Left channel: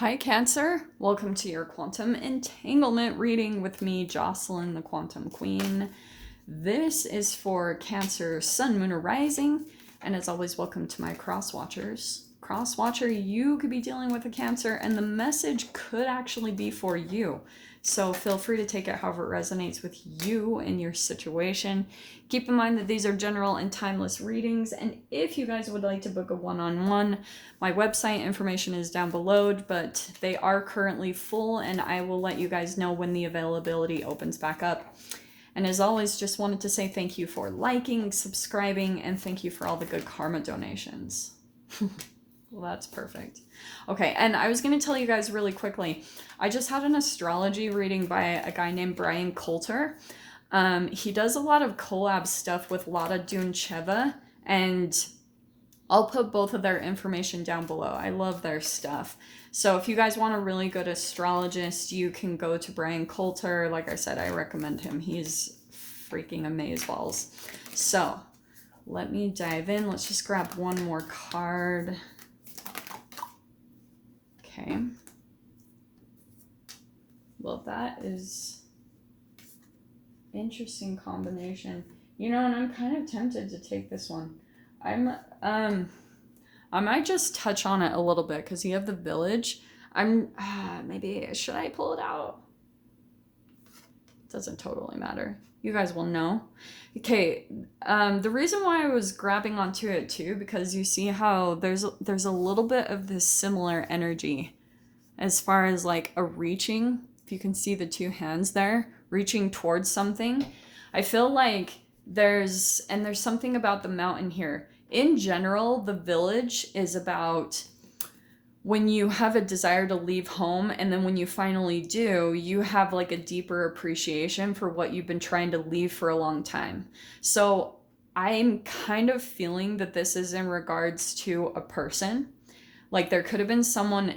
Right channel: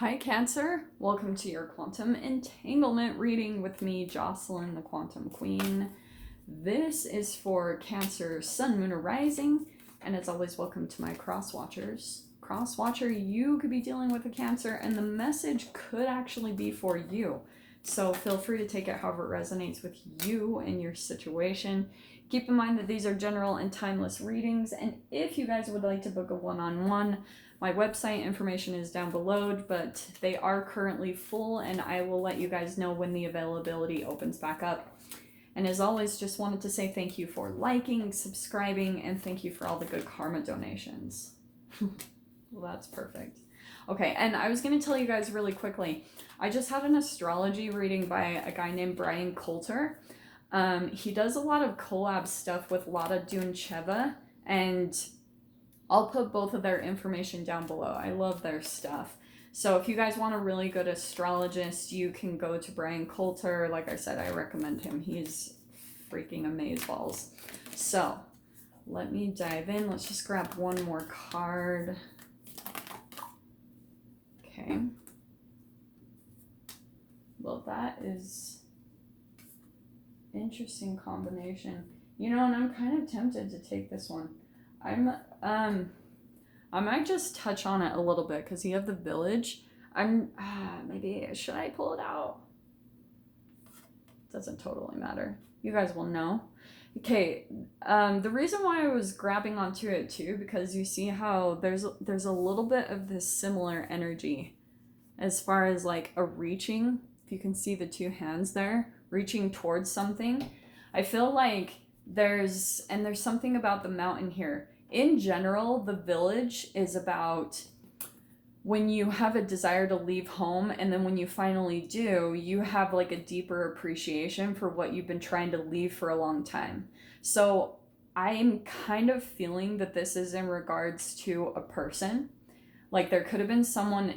Hi Cancer, welcome to your Quantum Entanglement reading with me, Jocelyn, the Quantum Queen. This is for Cancer, Sun, Moon, or Rising, and as always, welcome to my cross watchers. Cross watcher, you could be dealing with a Cancer, and the message could actually be for you. So feel free to take it however it resonates with you and your situation. Keep in mind that these are general and timeless readings, and if you guys would like to book a one-on-one, my website information is down below, but they are currently full, and I will let you guys know when the availability opens back up. And as always, just wanted to say thank you for liking, subscribing, and thank you for all the good karma donations. Well, that's perfect. Okay, and I was going to tell you guys really quickly, I just had an astrology reading by a guy named BRYAN COLTER. He does a lot of collab stuff with Lada Duncheva, and I'll put both of their information down below. I love their stuff. So if you guys want a really good astrologist, you can go to BRYAN COLTER. Like I said, I recommend him. He's freaking amazeballs. So let me dive in. Let's just grab one more card. Okay. Well, that is interesting combination. You know, and I'm kind of tempted to take this one. I might just touch on it a little bit because you have the village. Maybe, should I pull it out? Doesn't totally matter. You guys will know. Okay, the reason why I was grabbing onto it too, because you see how there's a little bit of this similar energy as far as like a reaching. If you can see the two hands there, reaching towards something. I feel like there's something about the mountain here. In general, the village is about when you have a desire to leave home, and then when you finally do, you have like a deeper appreciation for what you've been trying to leave for a long time. So I'm kind of feeling that this is in regards to a person. Like there could have been someone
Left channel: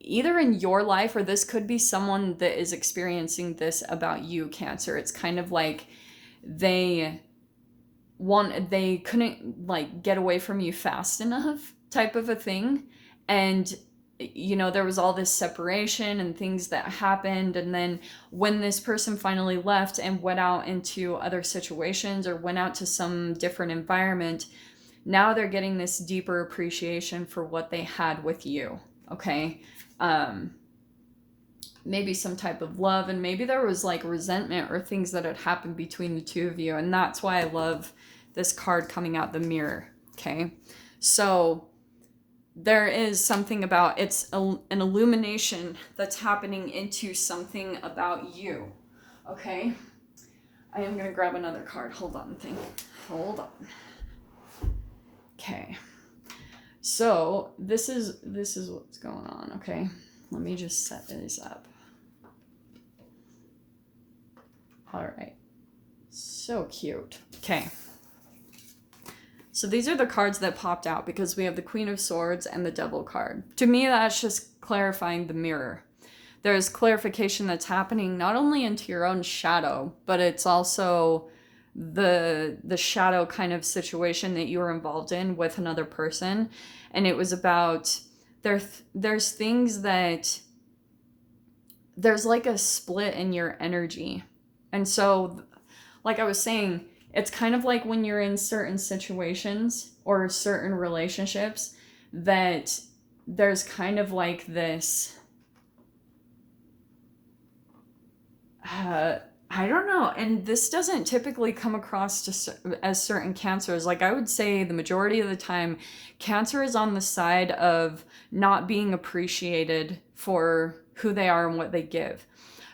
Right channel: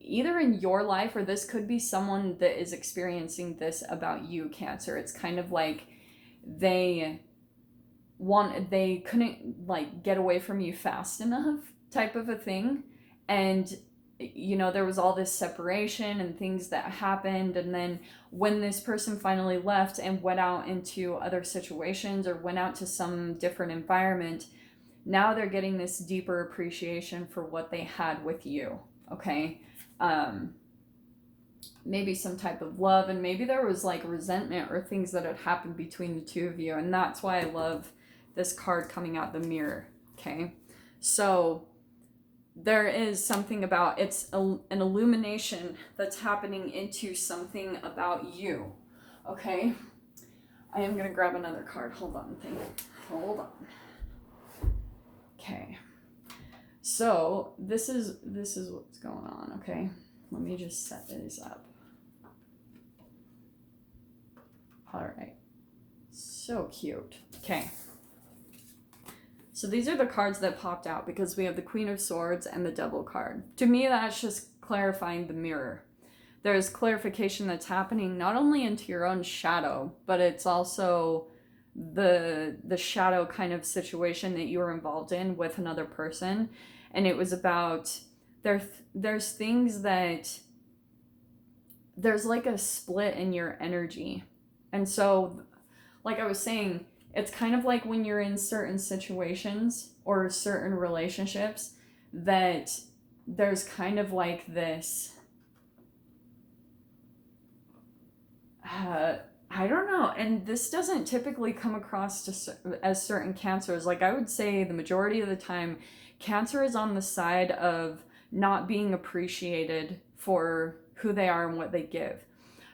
either in your life, or this could be someone that is experiencing this about you, Cancer. It's kind of like they couldn't like get away from you fast enough, type of a thing. And you know, there was all this separation and things that happened, and then when this person finally left and went out into other situations or went out to some different environment, now they're getting this deeper appreciation for what they had with you. Okay, maybe some type of love, and maybe there was like resentment or things that had happened between the two of you, and that's why I love this card coming out, the mirror. Okay, so there is something about an illumination that's happening into something about you. Okay, I am gonna grab another card. Hold on. Okay, so this is what's going on. Okay, let me just set this up. All right, so cute. Okay, so these are the cards that popped out because we have the Queen of Swords and the Devil card. To me, that's just clarifying the mirror. There's clarification that's happening not only into your own shadow, but it's also the shadow kind of situation that you were involved in with another person. And it was about there's things that there's like a split in your energy. And so, like I was saying, it's kind of like when you're in certain situations or certain relationships that there's kind of like this, I don't know, and this doesn't typically come across as certain Cancers. Like I would say the majority of the time, Cancer is on the side of not being appreciated for who they are and what they give.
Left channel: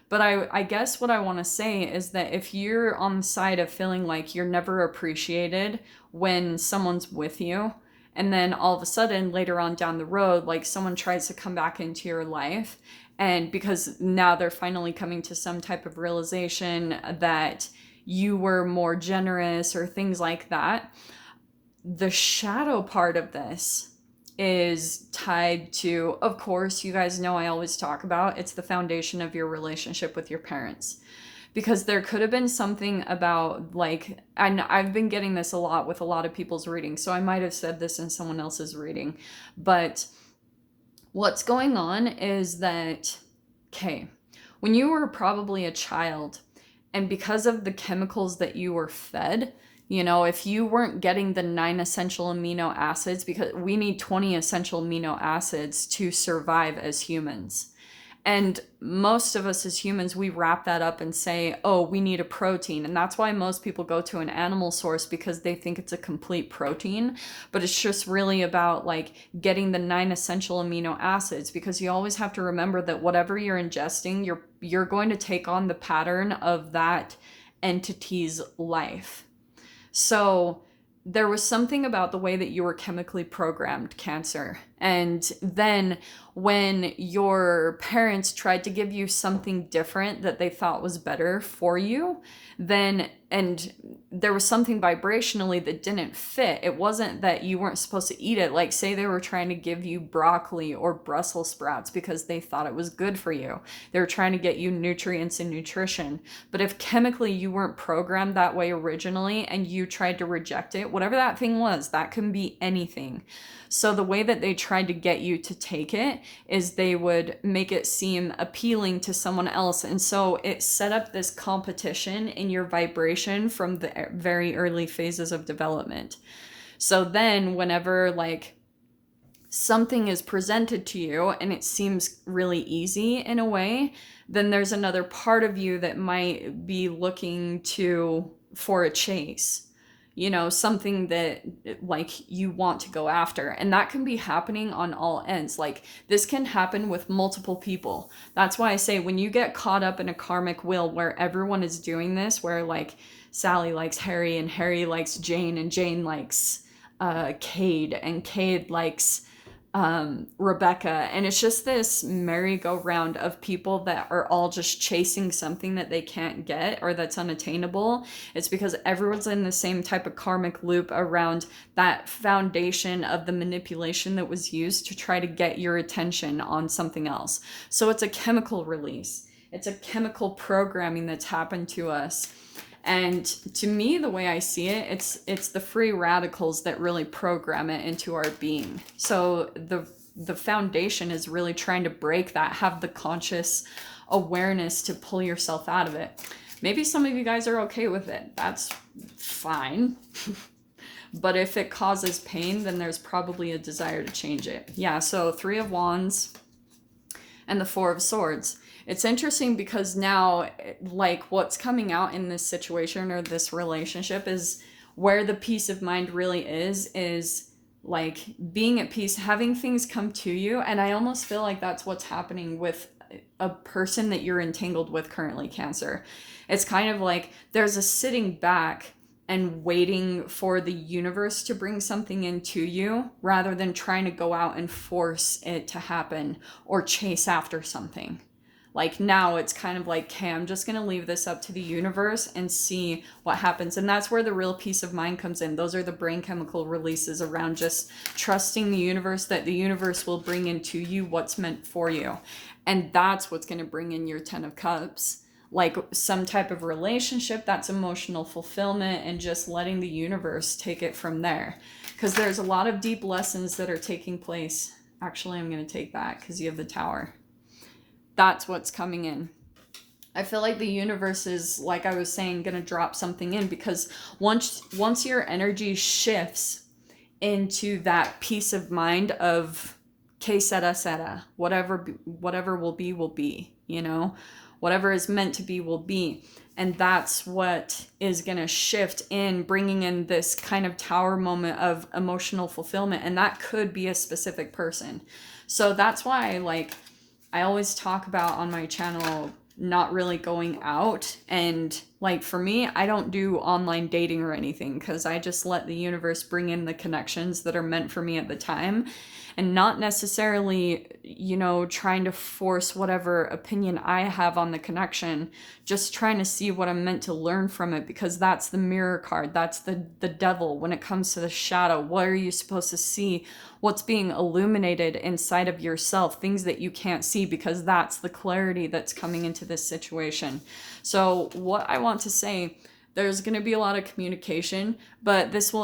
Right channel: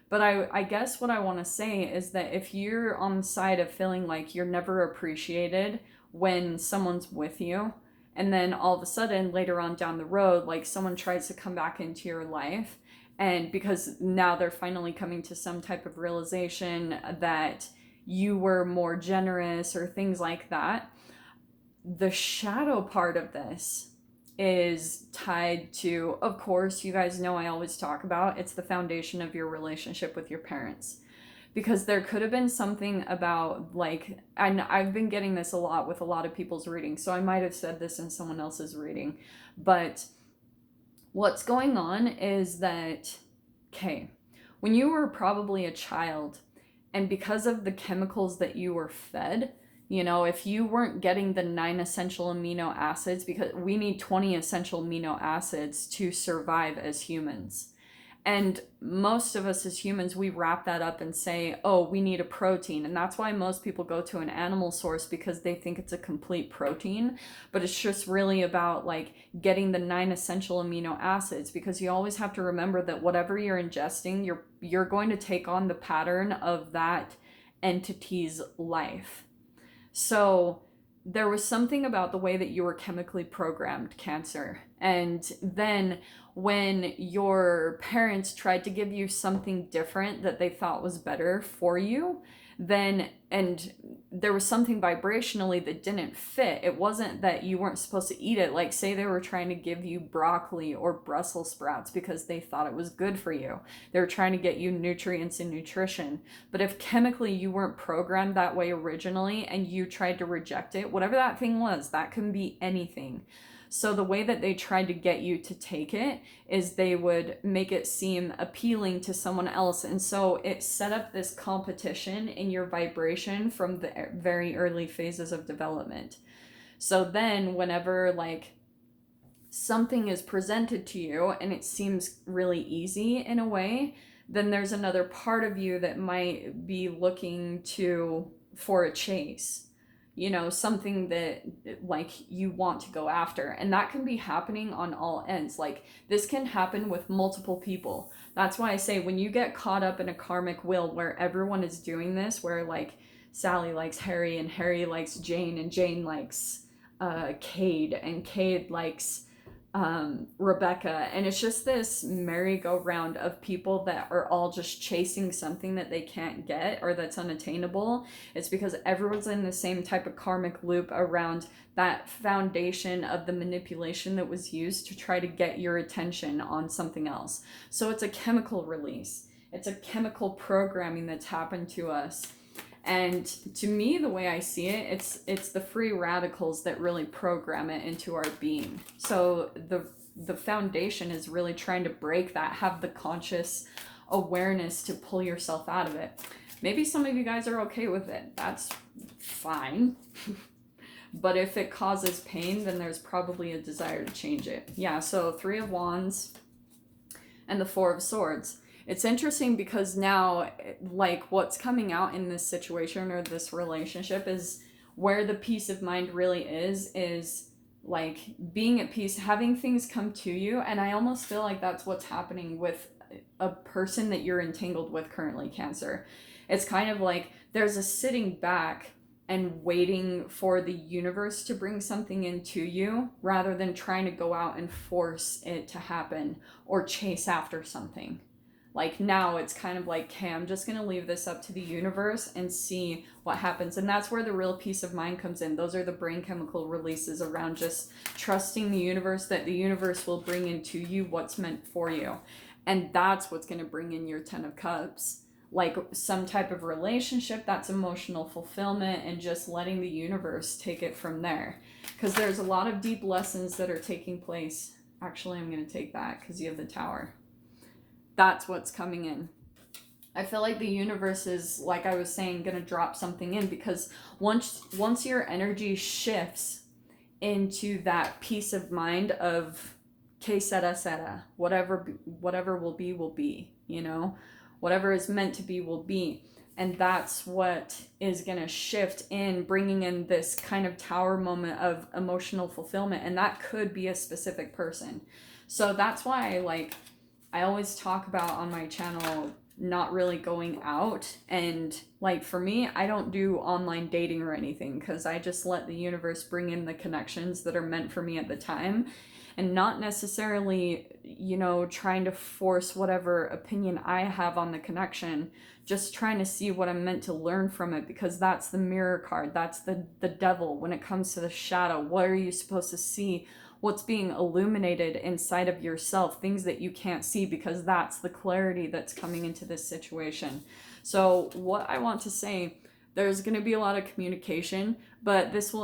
But I guess what I want to say is that if you're on the side of feeling like you're never appreciated when someone's with you, and then all of a sudden later on down the road, like someone tries to come back into your life, and because now they're finally coming to some type of realization that you were more generous or things like that, the shadow part of this is tied to, of course, you guys know I always talk about, it's the foundation of your relationship with your parents. Because there could have been something about, like, I've been getting this a lot with a lot of people's readings, so I might have said this in someone else's reading, but What's going on is that, okay, when you were probably a child, and because of the chemicals that you were fed, you know, if you weren't getting the 9 essential amino acids, because we need 20 essential amino acids to survive as humans. And most of us as humans, we wrap that up and say, oh, we need a protein. And that's why most people go to an animal source, because they think it's a complete protein. But it's just really about like getting the 9 essential amino acids, because you always have to remember that whatever you're ingesting, you're going to take on the pattern of that entity's life. So there was something about the way that you were chemically programmed, Cancer. And then when your parents tried to give you something different that they thought was better for you, and there was something vibrationally that didn't fit. It wasn't that you weren't supposed to eat it. Like, say they were trying to give you broccoli or Brussels sprouts because they thought it was good for you. They were trying to get you nutrients and nutrition. But if chemically you weren't programmed that way originally and you tried to reject it, whatever that thing was, that can be anything. So the way that they tried to get you to take it is they would make it seem appealing to someone else. And so it set up this competition in your vibration from the very early phases of development. So then whenever like something is presented to you and it seems really easy in a way, then there's another part of you that might be looking for a chase. You know, something that like you want to go after. And that can be happening on all ends. Like this can happen with multiple people. That's why I say when you get caught up in a karmic wheel where everyone is doing this, where like Sally likes Harry and Harry likes Jane and Jane likes Cade and Cade likes Rebecca, and it's just this merry-go-round of people that are all just chasing something that they can't get or that's unattainable. It's because everyone's in the same type of karmic loop around that foundation of the manipulation that was used to try to get your attention on something else. So it's a chemical release. It's a chemical programming that's happened to us. And to me, the way I see it, it's the free radicals that really program it into our being. So the foundation is really trying to break that, have the conscious awareness to pull yourself out of it. Maybe some of you guys are okay with it. That's fine. But if it causes pain, then there's probably a desire to change it. Yeah, so 3 of Wands and the 4 of Swords. It's interesting because now, like, what's coming out in this situation or this relationship is where the peace of mind really is like being at peace, having things come to you. And I almost feel like that's what's happening with a person that you're entangled with currently, Cancer. It's kind of like there's a sitting back and waiting for the universe to bring something into you rather than trying to go out and force it to happen or chase after something. Like now it's kind of like, okay, I'm just going to leave this up to the universe and see what happens. And that's where the real peace of mind comes in. Those are the brain chemical releases around just trusting the universe, that the universe will bring into you what's meant for you. And that's what's going to bring in your 10 of Cups. Like some type of relationship, that's emotional fulfillment and just letting the universe take it from there. Because there's a lot of deep lessons that are taking place. Actually, I'm going to take that because you have the Tower. That's what's coming in. I feel like the universe is, like I was saying, going to drop something in, because once your energy shifts into that peace of mind of que sera, whatever will be, you know, whatever is meant to be will be. And that's what is going to shift in, bringing in this kind of Tower moment of emotional fulfillment. And that could be a specific person. So that's why, like, I always talk about on my channel not really going out. And like for me, I don't do online dating or anything because I just let the universe bring in the connections that are meant for me at the time, and not necessarily, you know, trying to force whatever opinion I have on the connection, just trying to see what I'm meant to learn from it, because that's the mirror card. That's the devil when it comes to the shadow. What are you supposed to see? What's being illuminated inside of yourself, things that you can't see, because that's the clarity that's coming into this situation. So what I want to say, there's going to be a lot of communication, but this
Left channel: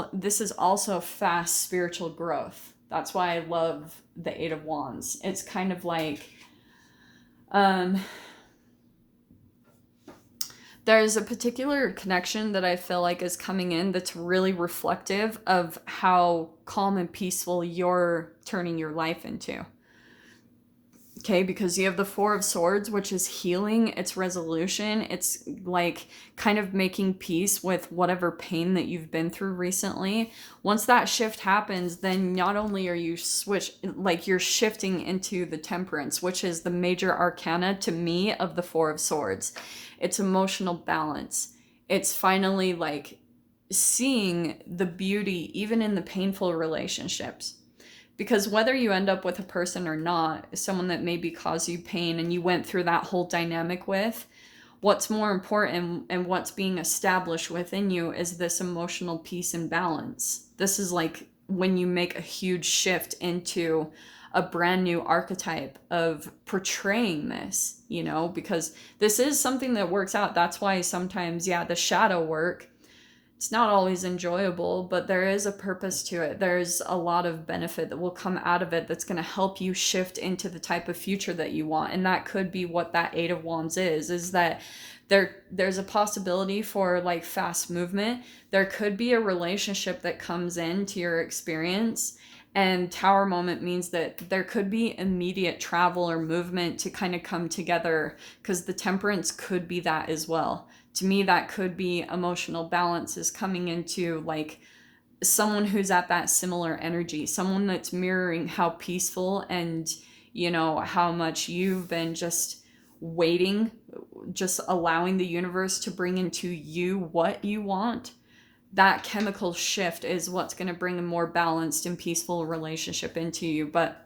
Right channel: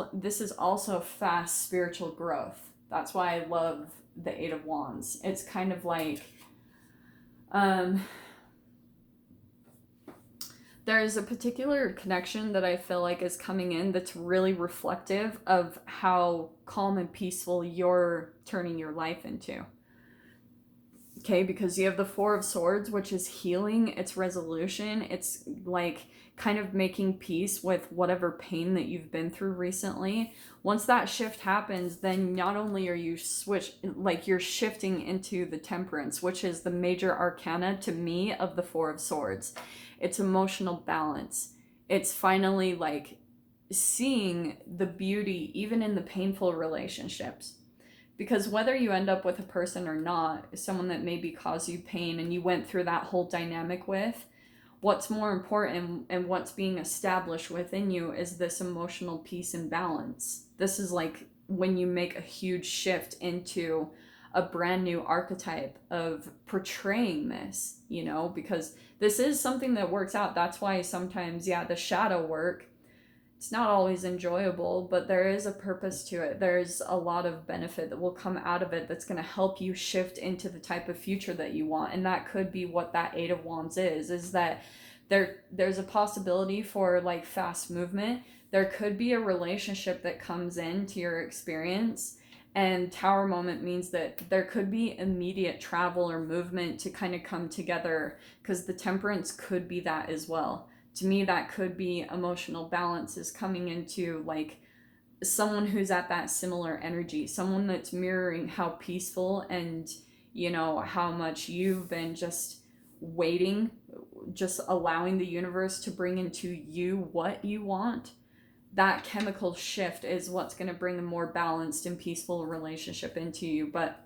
is also fast spiritual growth. That's why I love the Eight of Wands. It's kind of like there's a particular connection that I feel like is coming in that's really reflective of how calm and peaceful you're turning your life into. Okay, because you have the Four of Swords, which is healing, it's resolution, it's like kind of making peace with whatever pain that you've been through recently. Once that shift happens, then not only are you you're shifting into the Temperance, which is the major arcana to me of the Four of Swords. It's emotional balance. It's finally like seeing the beauty even in the painful relationships. Because whether you end up with a person or not, someone that maybe caused you pain and you went through that whole dynamic with, what's more important and what's being established within you is this emotional peace and balance. This is like when you make a huge shift into a brand new archetype of portraying this, you know, because this is something that works out. That's why sometimes, the shadow work, it's not always enjoyable, but there is a purpose to it. There's a lot of benefit that will come out of it that's going to help you shift into the type of future that you want. And that could be what that Eight of Wands is that there's a possibility for like fast movement. There could be a relationship that comes into your experience, and Tower moment means that there could be immediate travel or movement to kind of come together, because the Temperance could be that as well. To me, that could be emotional balance is coming into like someone who's at that similar energy, someone that's mirroring how peaceful and, you know, how much you've been just waiting, just allowing the universe to bring into you what you want. That chemical shift is what's going to bring a more balanced and peaceful relationship into you. But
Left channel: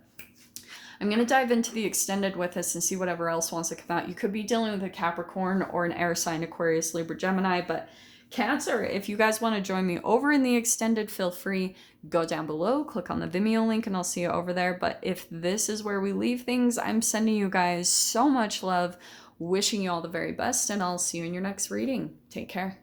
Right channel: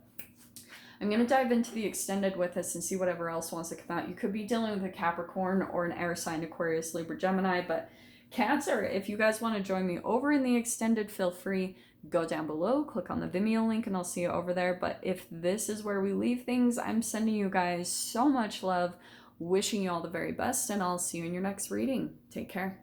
I'm going to dive into the extended with us and see whatever else wants to come out. You could be dealing with a Capricorn or an air sign, Aquarius, Libra, Gemini, but Cancer, if you guys want to join me over in the extended, feel free, go down below, click on the Vimeo link, and I'll see you over there. But if this is where we leave things, I'm sending you guys so much love, wishing you all the very best, and I'll see you in your next reading. Take care.